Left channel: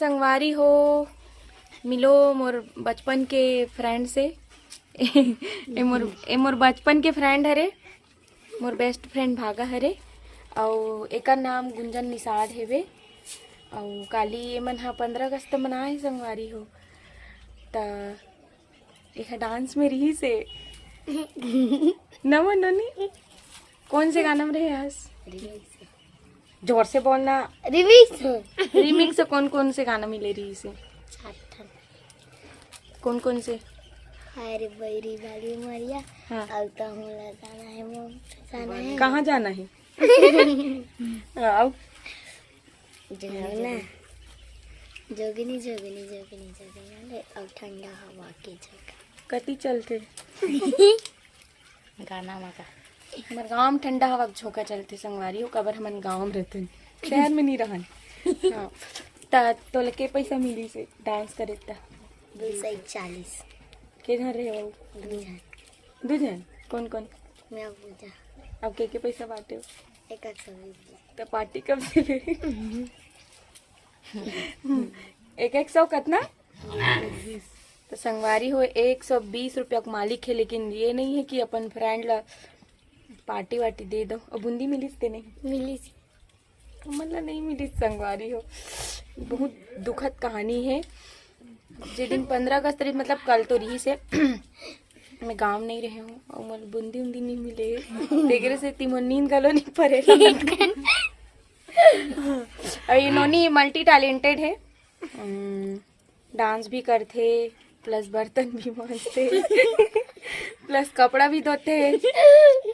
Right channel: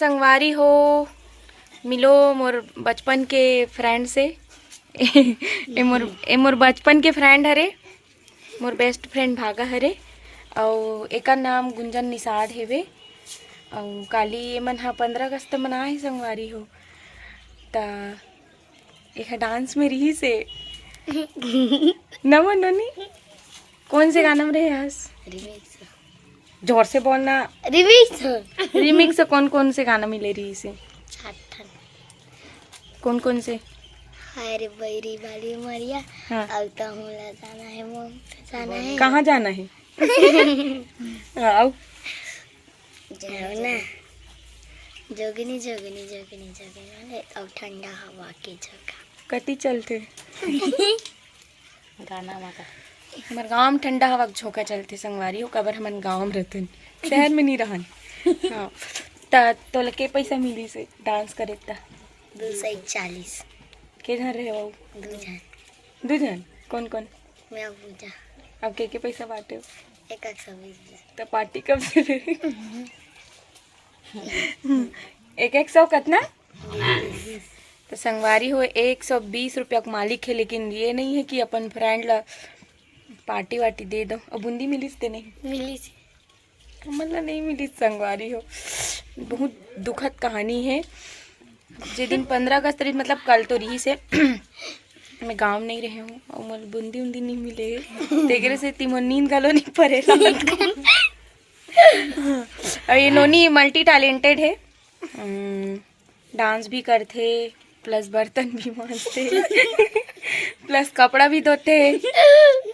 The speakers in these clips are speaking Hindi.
संगवारी हो मिलो मोर बचपन के फ्रेंड से मोर बचपन के फ्रेंड हरे मोर बेस्ट फ्रेंड भागा हरे और एकर नाम गुंजन निषाद हेवे और काली एमन हा 15 अगस्त मनाए संगवारी हो ता एक डांस में रही से नमो ननी कौन से गाना में रहे हस जोर से बोलना रिमिक्स कौन कौन से गाना मिले रही से कौन कौन से अरे बैरी वाली मरिया हाँ। अब तो हमरा जाना है मोम जाना है कहाँ जाना है आओ जाओ ना जोगनी जोगनी जोगनी जोगनी अब ठंडा हवा की जगह कति चलते गाना माता हमारे गाँव में ठंडा हवा के झोंका चलते संगवारी हो कबर हमन गाँव में रहते शहर में नहीं रहन हाँ ता तो लके पैसा मिली से डांस करे ता 240 के जन रहे हो दू जन कौन कौन मैं पूजा अब के पैसा बांटे हो 120 तो पार्टी कब से दे एक सौ कितना तो संगवारी हो 120 रुपया का मालिक है लेकिन ये नहीं है कि अपन फ्रेंड ला पार्टी वार्टी दे दो और बूंदी मिलीस ते नहीं मिली मतलब नहीं मिली संगवारी हो बहुत दुखद कहानी है जे दिन 15 अगस्त रही मतलब कल तो रही से मैं गांव नहीं रहे हूँ और मोर बूंदी उंदी नहीं मिले तेरे से तिमो नींद गलो नहीं पड़ेगा और ये नोनी मल्टी टैलेंटेड है डांस भी करते प्लस बर्तन भी मांजते प्लस कपड़ा भी धोते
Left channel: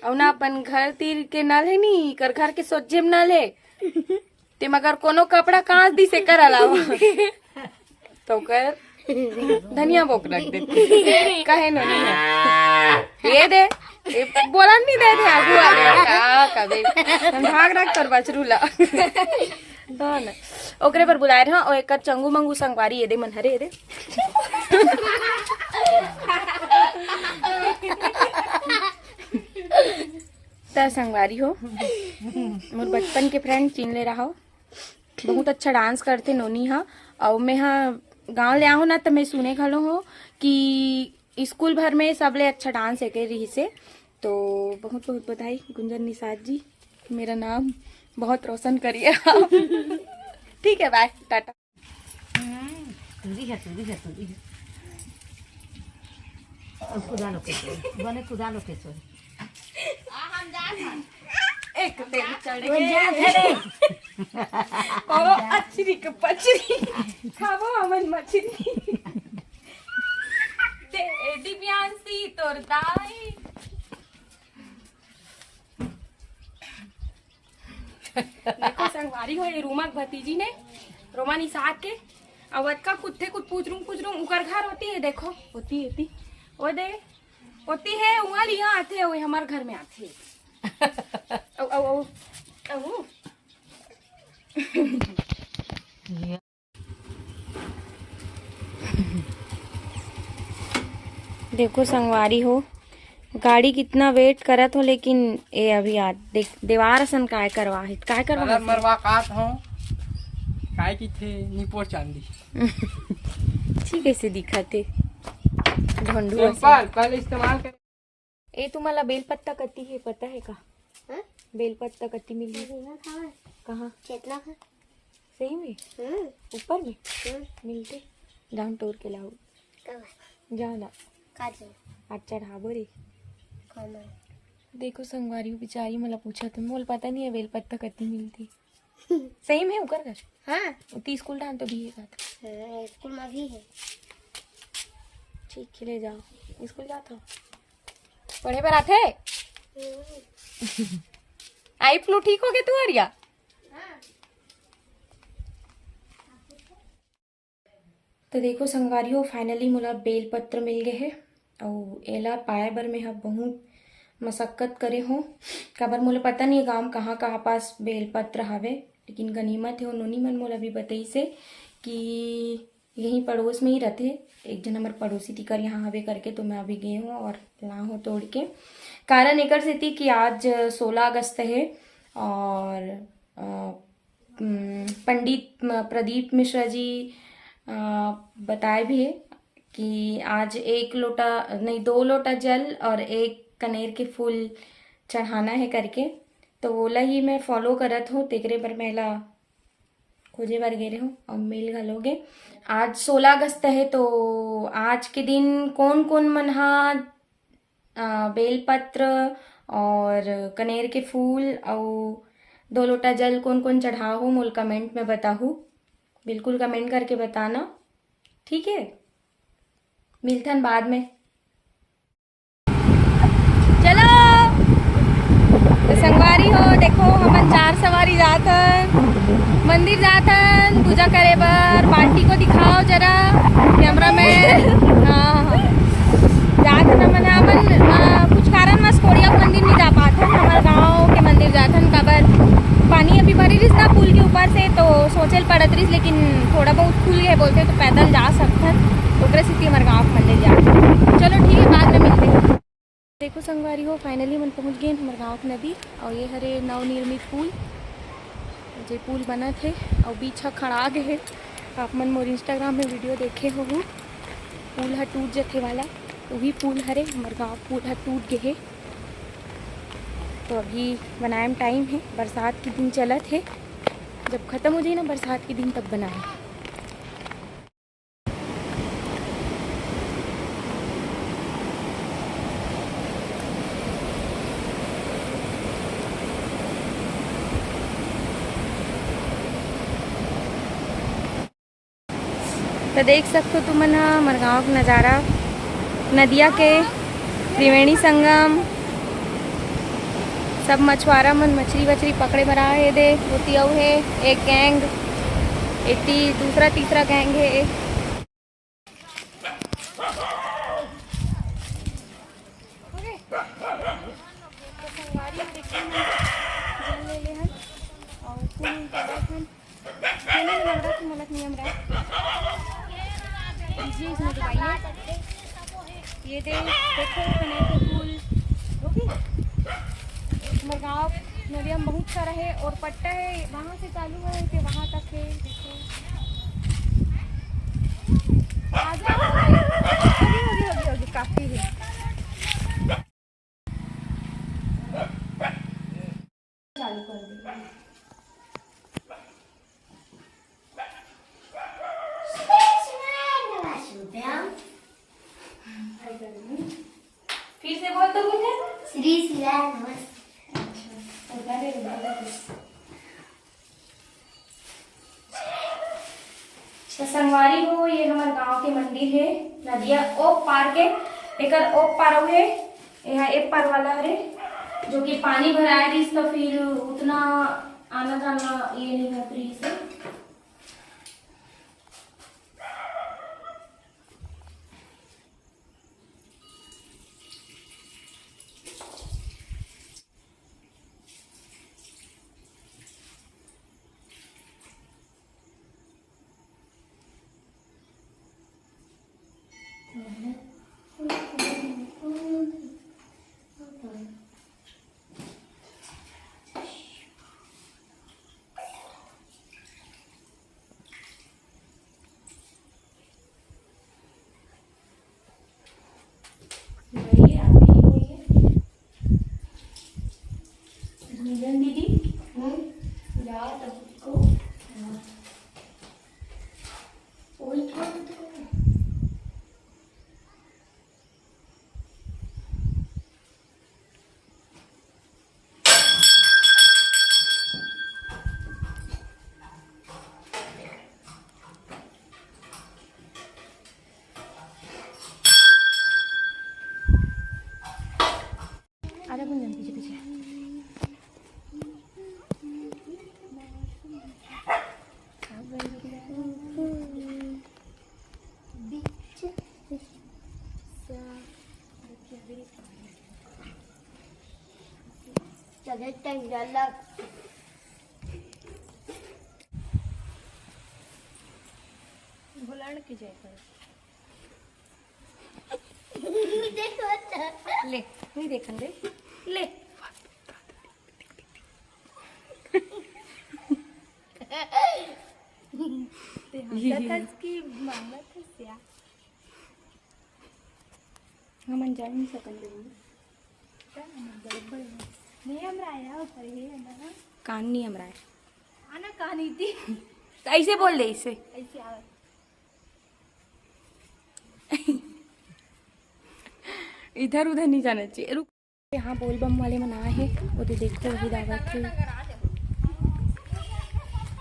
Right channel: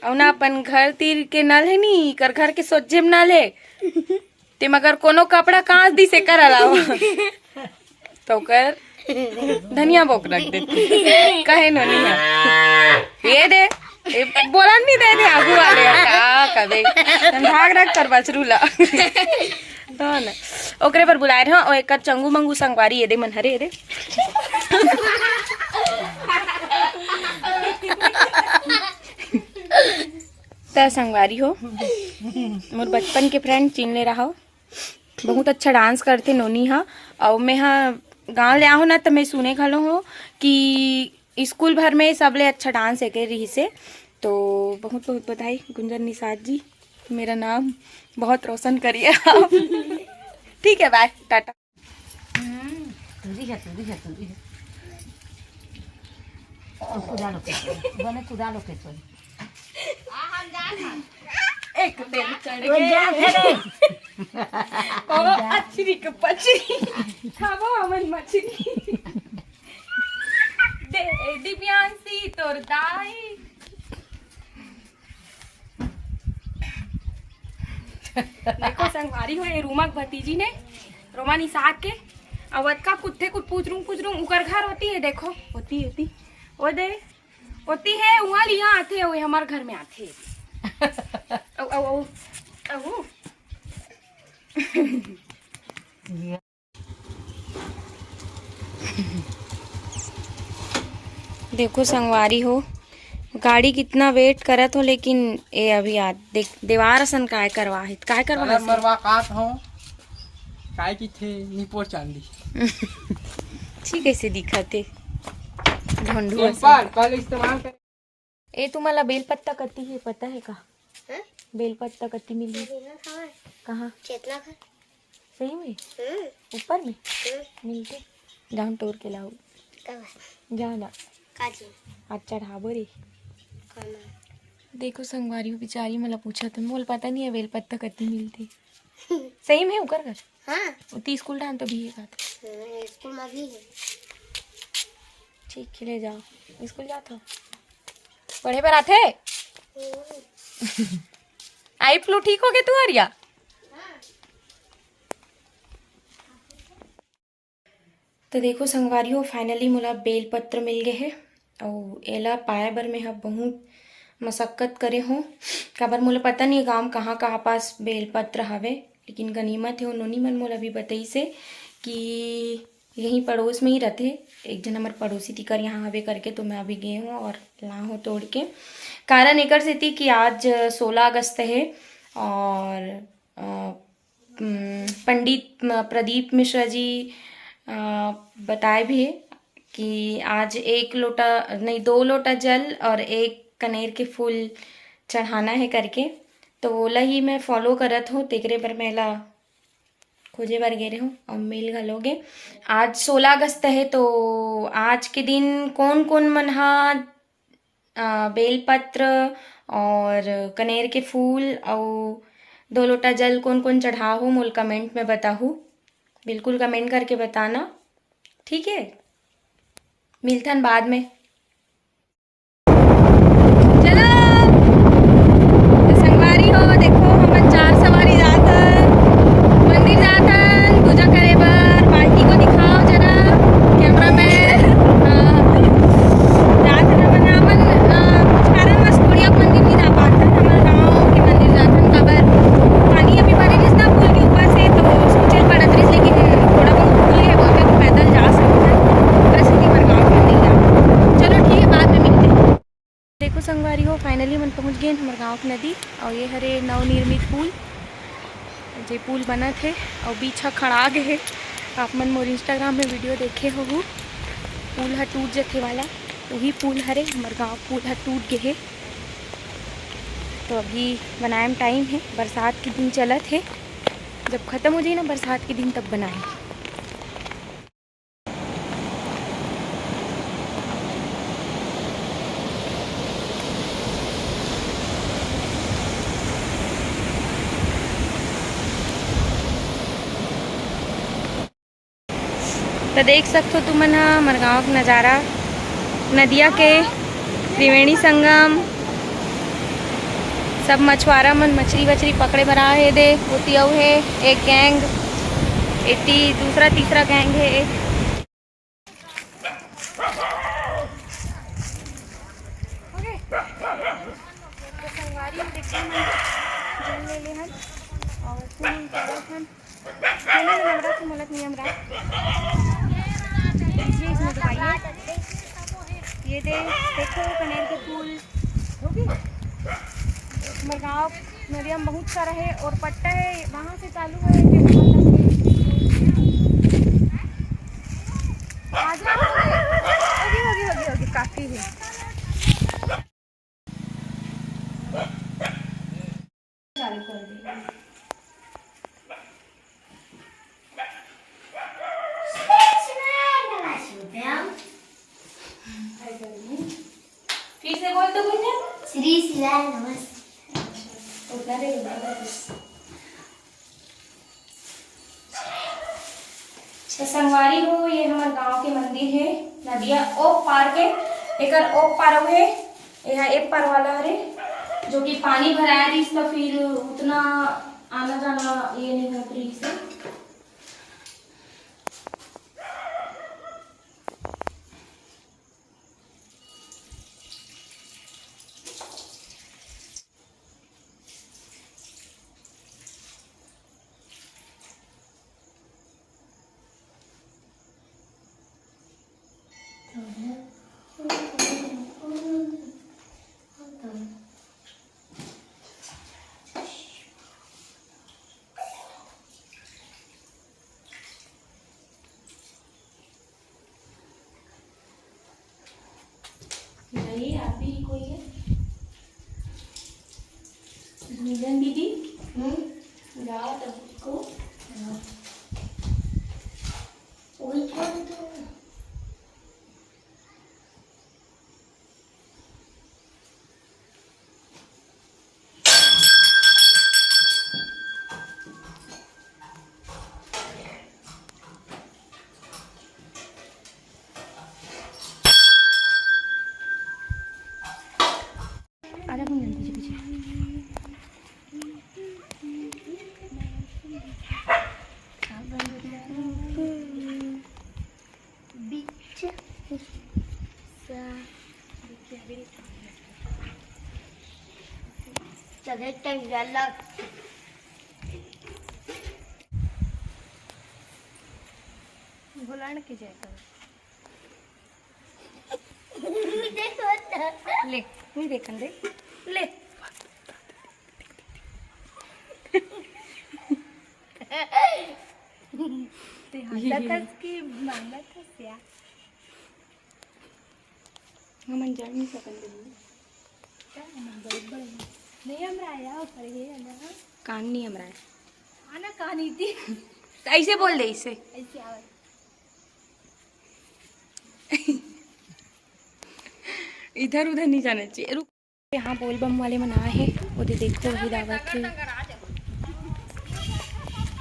और ना अपन घर तीर के नल है नी कर घर के सोचे में नल है ते मगर कोनो कपड़ा कांच दी से कर अलावा तो कर धनिया बोक रख देते कहे नो नहीं ये दे ये बोला नहीं दे आगू वाले का कबे हम भाग रख कर बचरूला हाँ ना ओकरे पर बुलाए रहा और एक चंगू मंगू संगवारी ये दे मन हरे ये दे तो संगवारी हो मोर बचपन के फ्रेंड चिन ले रहा हो बहुत अच्छा डांस करते नोनी हा और मैं हाँ गांव ले आओ ना तो मैं सुने खलो हो कि स्कूल भर में सबले अच्छा डांस है के रही से तो बहुत बहुत बधाई गुंजन निषाद जी मेरा नाम बहुत रोशन करिए आप ठीक है बाय टाटा एक तेल चढ़ गए ओ अच्छी के पचरी खाबो हमन मछली दे दिव्यांशी तोर दाई देखो संगवारी हो ये रूमा भतीजी ने रोमा निषाद के अवध का कुत्ते कुछ पूछ रूं उकर घर होती है देखो होती वो दे होती है वहाँ लिया आते हुए हमारे घर में आते देखो संगवारी हो गाड़ी कितना वेट करत हो लेकिन ये अभी आ देख दीवार सन काय करवा मरवा काट हो काय की थे निपोर चांदी ठीक कैसे दिखते ढंडू कल इस्तेमाल कर ए तुम्हाला बेलपत्ता कती है पता है का हाँ? बेलपत्ता कती मिली कहाँ चेतना खा सही में ऊपर में मिलते जाऊन तोड़ के लाओ कब जा ना काजी आज चढ़ाबो रे खाना देखो संगवारी बेचारी मला पूछा तुम बोल पता नहीं है बेलपत्ता कती मिलती सही में उकर कर हाँ उती स्कूल डांस तो भी है बात स्कूल में भी है ठीक है ले जाओ स्कूल जाता हो पढ़े पर आते आई फ्लू ठीक हो गए तू आरिया तो देखो संगवारियों फाइनली मोला बेलपत्र मिल गए है और एला पाए बर में बहुत मशक्कत करे हो काबर मोला पता नहीं गाँव कहाँ कहाँ पास बेलपत्र हवे लेकिन गनीमत है नोनी मन मोला भी बताई से कि यहीं पड़ोस में ही रहते एक जन हमारे पड़ोसी तिकर यहाँ हवे करके तो मैं अभी गई हूँ और ला हूँ तोड़ के कारण एकर से थी कि आज 16 अगस्त है और पंडित प्रदीप मिश्रा जी बताए भी है कि आज 2 लोटा जल और 1 कनेर के फूल चढ़ाना है करके। तो ओला ही मैं फॉलो करत हूँ, तेकरे पर मेला खोजे बर गे रहे हूँ और मेल घलोगे। आज 16 अगस्त है, तो आज के दिन कौन कौन मन हा बेलपत्र और कनेर के फूल और 2 लोटा जल कौन कौन चढ़ाओ मोल कमेंट में बताहू। बिल्कुल कमेंट करके बताना, ठीक है। मिलथन बाद में। चलो तो संगवारी हो, देखो हमन 4 सवारी जात हन, मंदिर जात हन पूजा करे बर। बाल्टी को दिखाओ जरा कैमरा मैन। हाँ जात हन हमन कुछ कारणवश कोड़िया मंदिर नहीं जा पात हन, हमारे गाँव के मंदिर जात हन। काबर पानी अभी भरी रिस ना पुल के ऊपर से, तो सोचे पड़त रिस, लेकिन थोड़ा बहुत खुल गए बोलते तो पैदल जा सकते हैं। प्रसिद्धि हमारे गाँव के मंदिर जाते। चलो ठीक है, बाद में मिलते हैं। देखो संगवारी हो, फाइनली मन पहुँच गए हमारे गाँव की नदी। और ये हरे नवनिर्मित पुल, जे पुल बना थे और बीच हा खड़ा गए है। आप मन मोर इंस्टाग्राम में वीडियो देखे हो, पुल हा टूट जथे वाला, तो वही पुल हरे हमारे गाँव पुल हा टूट गए है। तो अभी बनाए में टाइम है, बरसात के दिन चलत है, जब ख़त्म हो जाए ना बरसात के दिन तब बनाए। तो देख सकते हो तुमन हमारे गाँव का नज़ारा, नदिया के त्रिवेणी संगम, सब मछुआरा मन मछली वछली पकड़े बर आए हे। दे होती अउ है एक गैंग, इतनी दूसरा तीसरा गैंग है। तो संगवारी में देखते हैं जल ले ले हन और फूल चढ़त हन। मैंने नमरा की मोलत नहीं हमरा इसमें दबाइए। ये देखो कनेर के फूल हमारे गाँव नदिया में बहुत सारा है, और पट्टा है वहाँ से चालू है कि वहाँ तक है। आ जाओ, होगी काफी है। चालू कर देगा। फिर से बोल तो कुछ श्री शिवाय नमस्ते। तो संगवारी हो, ये हमारे गांव के मंदिर है। नदिया ओप पार के एकर ओप पार है, यह एक पार वाला हरे, जो कि पानी भराया रिस तो फिर उतना आना जाना ये नहीं है फ्री से। दीदी को आधा घूम जल्दी पीछे। चले टाइम जाला भुलाने की जय कर देखो ले नहीं देखन दे ले ते हसतच की मागतच या म्हणजे मी सकंद नियम राया ऊपर ये है ना कान नहीं हम रहा है आना कहानी थी तो ऐसे बोल दे इसे ऐसी आवाज इधर उधर नहीं जाना चाहिए। रुक, यहाँ बोल बम वाले मना है, उधर देखते वही दावत है।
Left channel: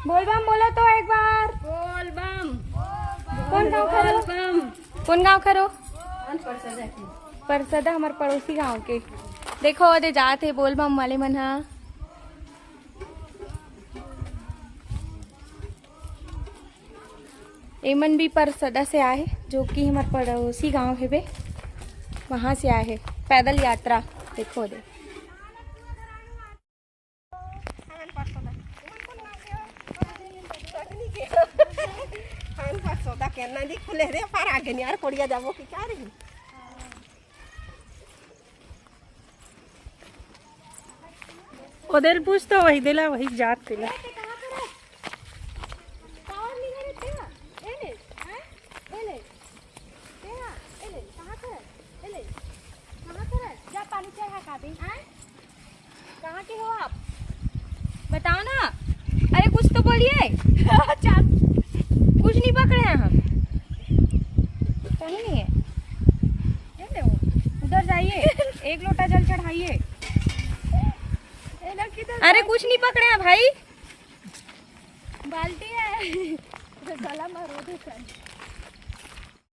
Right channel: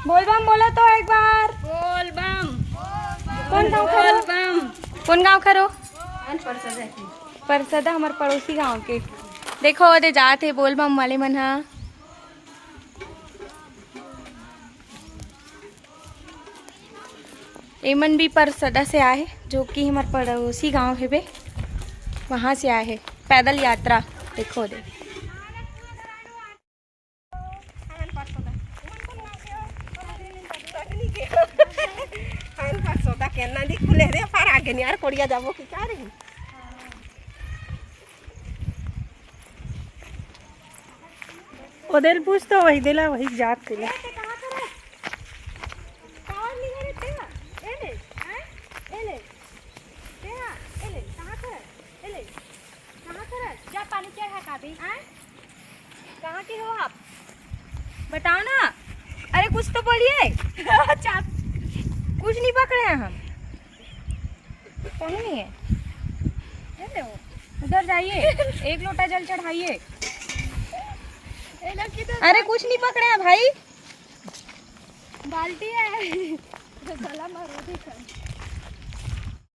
बोल बम बोला तो एक बार। बोल बम कौन गाँव खरो? कौन गाँव खरो? परसदा हमारे पड़ोसी गांव के। देखो ओदे जाते बोल बम वाले मन हा। एमन भी परसदा से आए, जो कि हमारे पड़ोसी गांव है बे, वहाँ से आए हैं पैदल यात्रा। देखो दे ओदेल पूछ तो वही दिला वही जात दिला। कहाँ के हो आप? बताओ ना, अरे कुछ तो बोलिए। कुछ नहीं पकड़े हैं हम, कहीं नहीं है। ये देखो, उधर जाइए, एक लोटा जल चढ़ाइए। अरे कुछ नहीं पकड़े हैं भाई। बाल्टी है गला मारो